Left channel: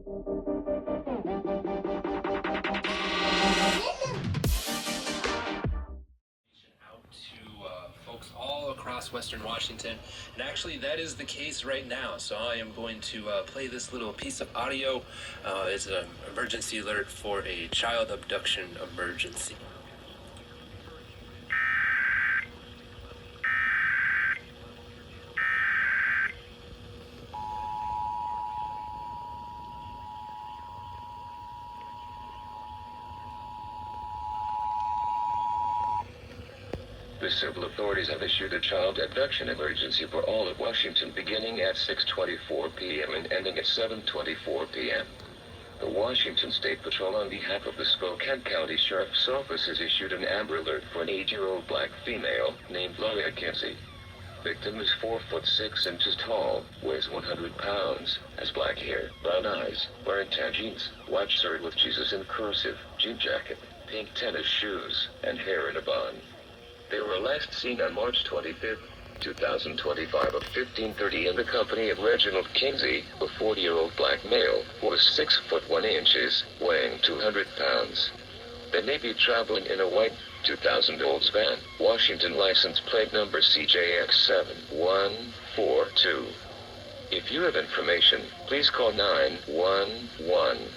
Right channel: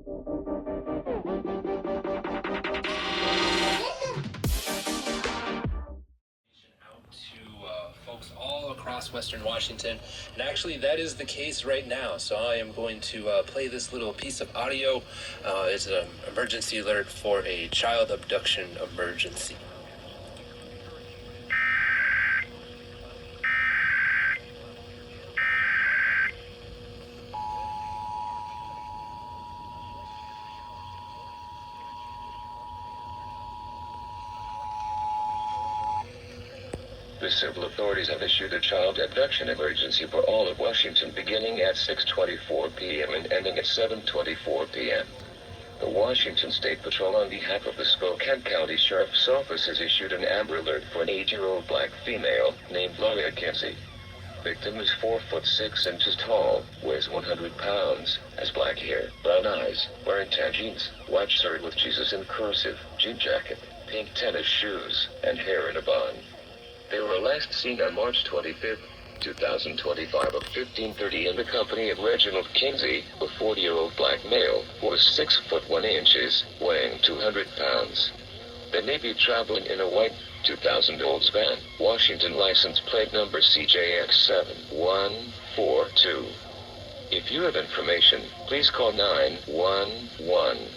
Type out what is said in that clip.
Folks all across Western Washington, and actually that is the case right now. So I am going to play this little piece of audio. It's an emergency alert for a child abduction emergency. The civil authorities have issued a child abduction emergency for all of Washington beginning at 6:24 p.m. and ending at 7:24 p.m. The Washington State Patrol, on behalf of the Spokane County Sheriff's Office, has issued an Amber Alert for an 8-year-old black female named Gloria Kinsey. Victim is 4 foot 6 inches tall, weighs 100 pounds, has black hair, brown eyes, wearing tan jeans, white shirt with Jesus in cursive, jean jacket, pink tennis shoes, and hair in a bun. They were last seen on March 25, 2025 at 15:30 in the company of Reginald Kinsey, a 40-year-old black male who was 6 foot 1 inches, weighing 200 pounds. They may be traveling in a white 2000 Oldsmobile, Washington license plate number CJX7142. If you have information, please call 911.